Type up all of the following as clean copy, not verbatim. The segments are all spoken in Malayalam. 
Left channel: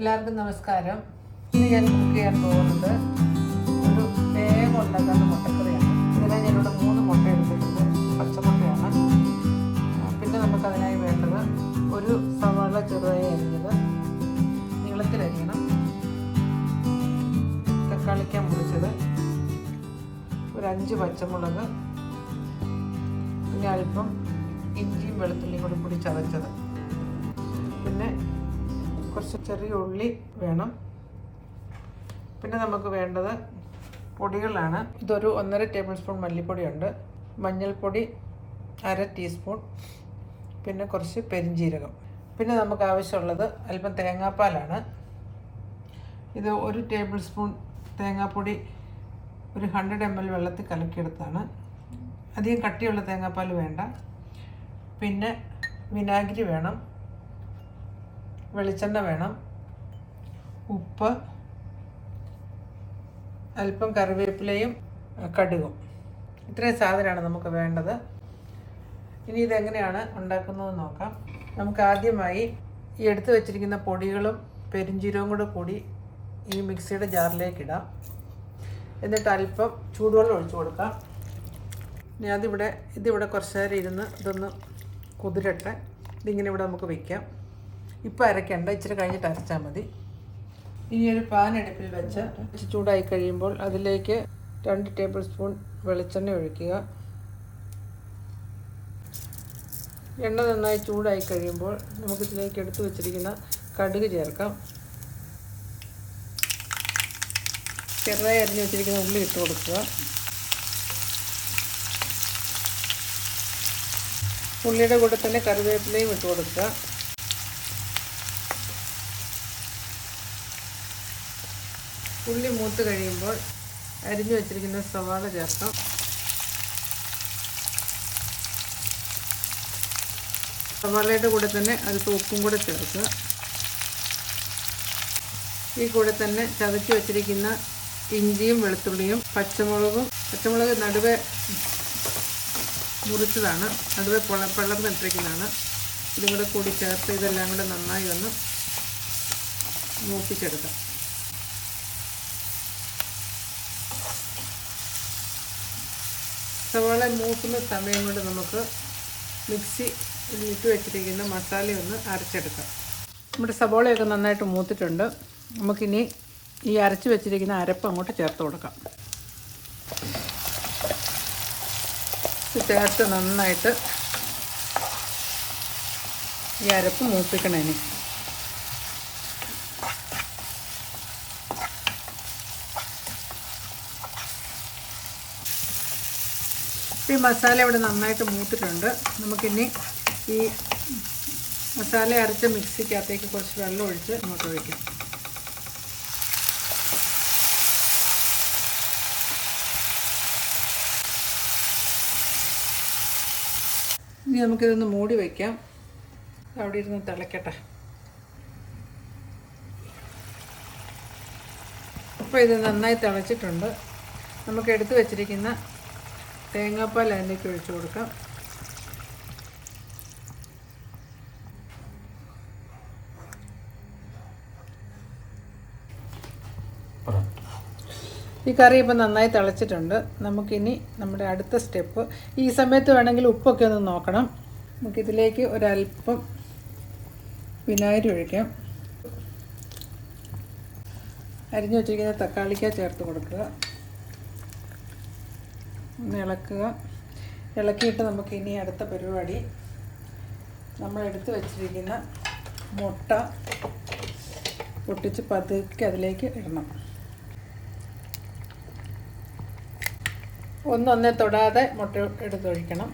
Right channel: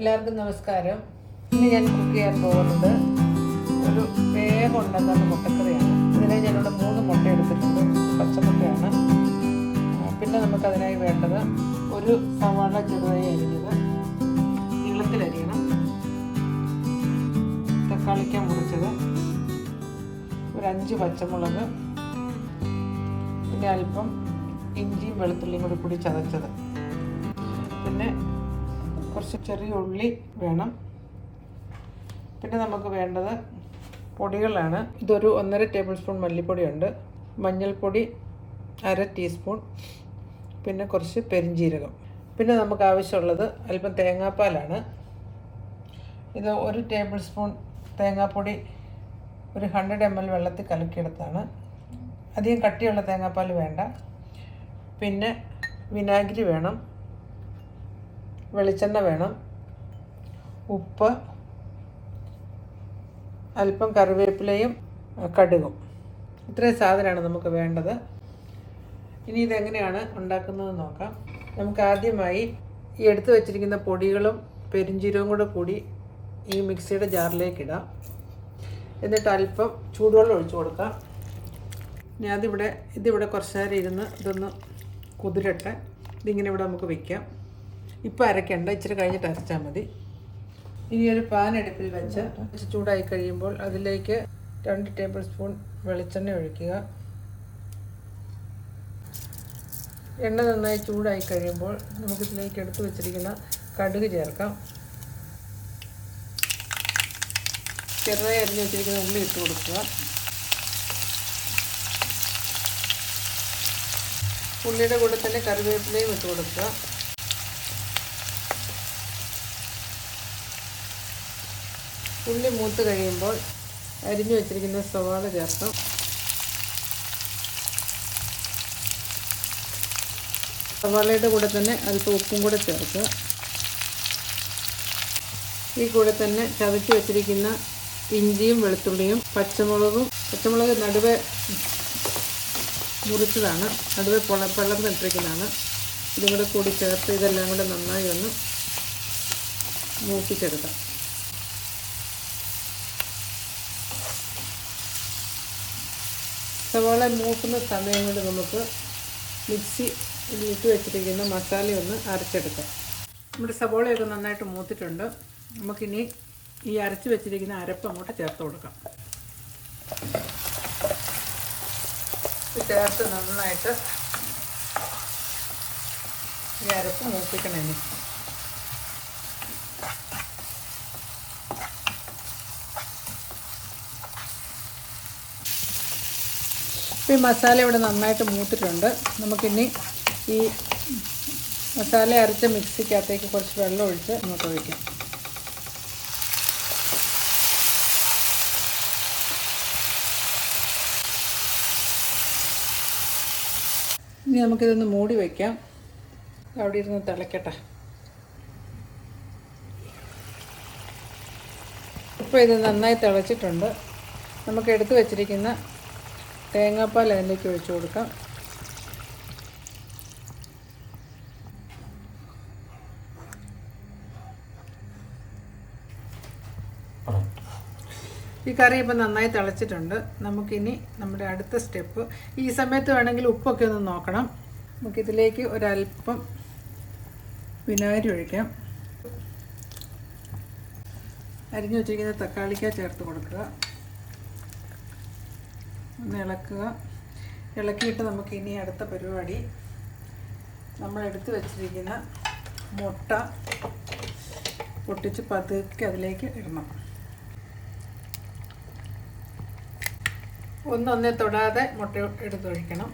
എല്ലാവർക്കും നമസ്കാരം. ഇന്ന് ഞാൻ കുക്ക് ചെയ്യാൻ പോകുന്നത് ഒരു വേഗം ഉണ്ടാക്കുന്ന മുട്ടക്കറിയാണ്. ഇതിനെ ഞാനിവിടെ 3 മുട്ട എടുത്തിട്ടുണ്ട്. പച്ചമുട്ടയാണ്. പിന്നെ നമുക്കതിനായി വേണ്ടത് ഒരു സവാള ചെറുതായി അരിഞ്ഞത്, നീളത്തിലരിയണം, തക്കാളിക്ക മുറിച്ചത്, ഒരു 5 പച്ചമുളക്, പിന്നെ അല്പം ഇഞ്ചിയും വെളുത്തുള്ളിയും കൂടി ചതച്ചത്, പിന്നെ കുറച്ച് ചെറിയ ഉള്ളി വേണം. പിന്നെ നമുക്ക് വേണ്ടത് പൊടികളാണ്. ഇതൊരു 1.5 ടേബിൾ സ്പൂൺ മല്ലിപ്പൊടിയുണ്ട്, മഞ്ഞൾപ്പൊടി 1/2 ടീസ്പൂൺ, പിന്നെ കുറച്ച് പെരിഞ്ജീരകം. പിന്നെ നമുക്ക് ആവശ്യമുള്ളത് അല്പം തേങ്ങാപ്പാലാണ്. ഇത് 1 ടേബിൾ സ്പൂൺ തേങ്ങാപ്പൊടി ഒരു 100 ml വെള്ളത്തിൽ കലക്കിയെടുത്താണ്. അധികം കട്ടിയുള്ള തേങ്ങാപ്പാൽ വേണ്ട. പിന്നെ വിനാഗിരി വേണം, വെളിച്ചെണ്ണ വേണം, ഉപ്പ്, അല്പം കറിവേപ്പിലയും കടുകും. ഇത്രയും സാധനമാണ് നമുക്ക് വേണ്ടത്. ഇനി ഇതെങ്ങനെയാണ് ഉണ്ടാക്കുന്നതെന്ന് നോക്കാം. നമുക്ക് ആദ്യമായി ഈ എടുത്തു വച്ചിരിക്കുന്ന പൊടികളും പെരിഞ്ജീരകവും കൂടി ഈ മിക്സിയുടെ ജാറിലേക്ക് ഇടാം. എന്നിട്ട് അല്പം ചൂടുവെള്ളം ഒഴിച്ചു കൊടുക്കാം. ഇനി ഇതിവിടെ കുറച്ച് നേരം ഇരുന്ന് ഇതൊന്ന് കുതിരട്ടെ. ഇതിങ്ങനെ ഇവിടെ നമുക്ക് വയ്ക്കാം. ഇപ്പോൾ അരയ്ക്കേണ്ട, ഇച്ചിരി കഴിഞ്ഞിട്ട് അരച്ചാൽ മതി. ഇനി ഒരു പാൻ അടുപ്പിൽ വെച്ച് ചൂടായി കഴിയുമ്പോൾ അതിലേക്ക് 2 ടേബിൾ സ്പൂൺ വെളിച്ചെണ്ണ ഒഴിക്കുക. എണ്ണ നന്നായി ചൂടായി കഴിയുമ്പോൾ നമുക്കിതിലേക്ക് എടുത്തു വച്ചിരിക്കുന്ന കടുക് ചേർക്കാം. ചെറുതായി അരിഞ്ഞു വെച്ചിരിക്കുന്ന ഉള്ളി ഇട്ട് കൊടുക്കുക. ഉള്ളിയുടെ കൂടെ തന്നെ കറിവേപ്പിലയും ഇട്ട് കൊടുക്കുക. ഉള്ളി മൂത്ത് കഴിയുമ്പോൾ അരിഞ്ഞു വെച്ചിരിക്കുന്ന സവാള ചേർക്കാം. സവാളയുടെ കൂടെ തന്നെ അല്പം ഉപ്പും കൂടെ ചേർക്കുക. ഈ കൂടെ തന്നെ ചതച്ച് വെച്ചിരിക്കുന്ന ഇഞ്ചിയും വെളുത്തുള്ളിയും പച്ചമുളക് നടുവെ മുറിച്ചതാണ്, നടുവെ പിളർന്നിട്ടിരിക്കുന്നതാണ്. ഇതും കൂടി ചേർത്ത് ഇതെല്ലാം കൂടെ നന്നായി ഒന്ന് മൂപ്പിച്ചെടുക്കാം. സവാള മൂക്കുന്ന സമയം കൊണ്ട് നമുക്ക് മിക്സിയിൽ ഇട്ട് വെച്ചിരിക്കുന്ന മസാലയൊന്ന് അരച്ചെടുക്കാം. നമ്മുടെ സവാളയൊക്കെ നന്നായിട്ട് മൂത്തിട്ടുണ്ട്. നമുക്കിനി ഈ അരച്ച് വെച്ചിരിക്കുന്ന അരപ്പ് അങ്ങോട്ട് ചേർത്ത് കൊടുക്കാം. ചേർത്ത് നന്നായിട്ട് ഈ അരപ്പ് മൂപ്പിക്കണം. ഈ മസാല ഇവിടെ നന്നായിട്ട് മൂത്തിട്ടുണ്ട്. നമുക്കിനി ഈ മസാല അരച്ച മിക്സിക്കകത്തേക്ക് കുറച്ച് വെള്ളം ഒഴിച്ച് നമുക്ക് ഒഴിക്കാം. ഇനി നമുക്കിതൊന്ന് മൂടി വയ്ക്കാം. അവിടെ ഇരുന്ന് തിളക്കട്ടെ. ഇപ്പോൾ ഇത് നന്നായി തിളച്ചിട്ടുണ്ട്. നമുക്ക് എടുത്തു വച്ചിരിക്കുന്ന തേങ്ങാപ്പാൽ അതിലേക്ക് ഒഴിച്ചു കൊടുക്കാം. ഈ കറി ഇപ്പം നന്നായി തിളച്ചിട്ടുണ്ട്. നമുക്കിനി നമ്മുടെ അടുത്ത സ്റ്റെപ്പ്, ഈ സമയത്ത് വേണമെങ്കിൽ ഉപ്പൊക്കെ ഒന്ന് നോക്കണം. നമുക്കിതിലേക്ക് ഒരല്പം വിനാഗിരി ഒഴിക്കാം. അരിഞ്ഞു വച്ചിരിക്കുന്ന തക്കാളിക്ക ചേർത്ത് കൊടുക്കുക. ഒന്ന് ഇളക്കുക. ഇളക്കിയിട്ട് നമുക്ക് ഇനി അടുത്ത പരിപാടി, നമ്മൾ എടുത്ത് വെച്ചിരിക്കുന്ന മുട്ട പൊട്ടിച്ച് പതുക്കെ അതിലേക്ക് ഇടണം. ഒന്നൊന്നേ തൊടാതെ മുട്ട എടുത്തൊഴിക്കണം.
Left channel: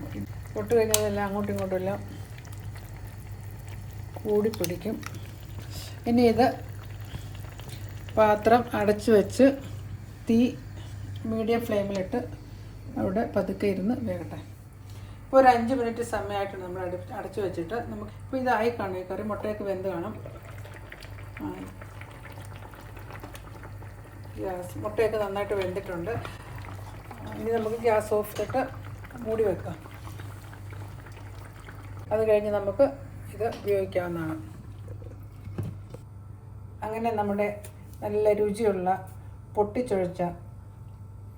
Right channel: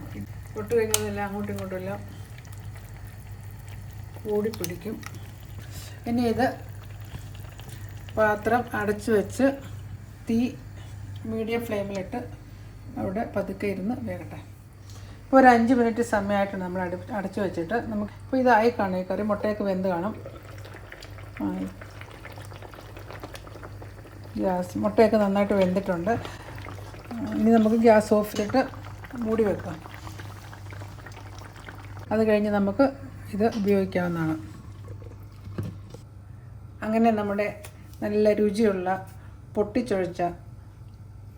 പൊട്ട് കഴിഞ്ഞതെല്ലാം അങ്ങോട്ടും ഇങ്ങോട്ടും എല്ലാം കൂടി പിടിക്കും. ഇനി ഇത് പാത്രം അടച്ചു വെച്ച് തീ മീഡിയം ഫ്ലെയിമിലിട്ട് അവിടെ പതുക്കെ ഇരുന്ന് വേകട്ടെ. ഇപ്പോൾ ഒരു 5 മിനിറ്റ് സമയമായിട്ട് നമ്മൾ അടച്ചു വെച്ചിട്ട് നമുക്ക് ഇപ്പോൾ ഇതായി കാണും. ഈ കറി മുട്ടയൊക്കെ വെന്ത് കാണും. മുട്ടയൊക്കെ നന്നായിട്ട് വെന്തിട്ടുണ്ട്. ഇനി നമുക്ക് ഗ്യാസ് ഓഫ് ചെയ്തിട്ട് മൂടി വെക്കാം. അത് കഴിഞ്ഞ് നമുക്ക് ഇത് ഉപയോഗിക്കാവുന്നതാണ്. അങ്ങനെ നമ്മുടെ നല്ല രുചിയുള്ള പൊട്ടിച്ചൊഴിച്ച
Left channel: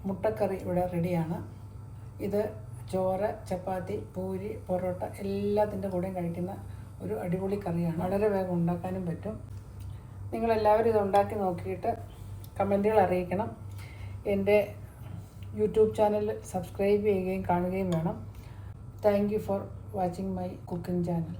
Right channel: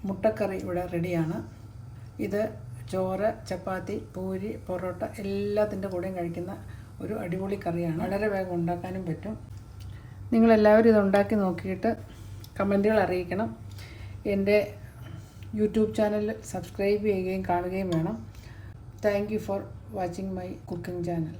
മുട്ടക്കറി ഇവിടെ റെഡിയാണ്. ഇത് ചോറ്, ചപ്പാത്തി, പൂരി, പൊറോട്ട എല്ലാത്തിൻ്റെ കൂടെയും കഴിക്കുന്ന ഒരു അടിപൊളി കറിയാണ്. വളരെ വേഗം ഉണ്ടാക്കാനും പറ്റും. നിങ്ങളെല്ലാവരും ഇത് ഉണ്ടാക്കി നോക്കിയിട്ട് കമൻറ്റുകൾ അറിയിക്കണം. എൻ്റെ യൂട്യൂബ് ചാനൽ സബ്സ്ക്രൈബ് ചെയ്യുകയും കാണുകയും വേണം. Thank you for watching my cooking channel.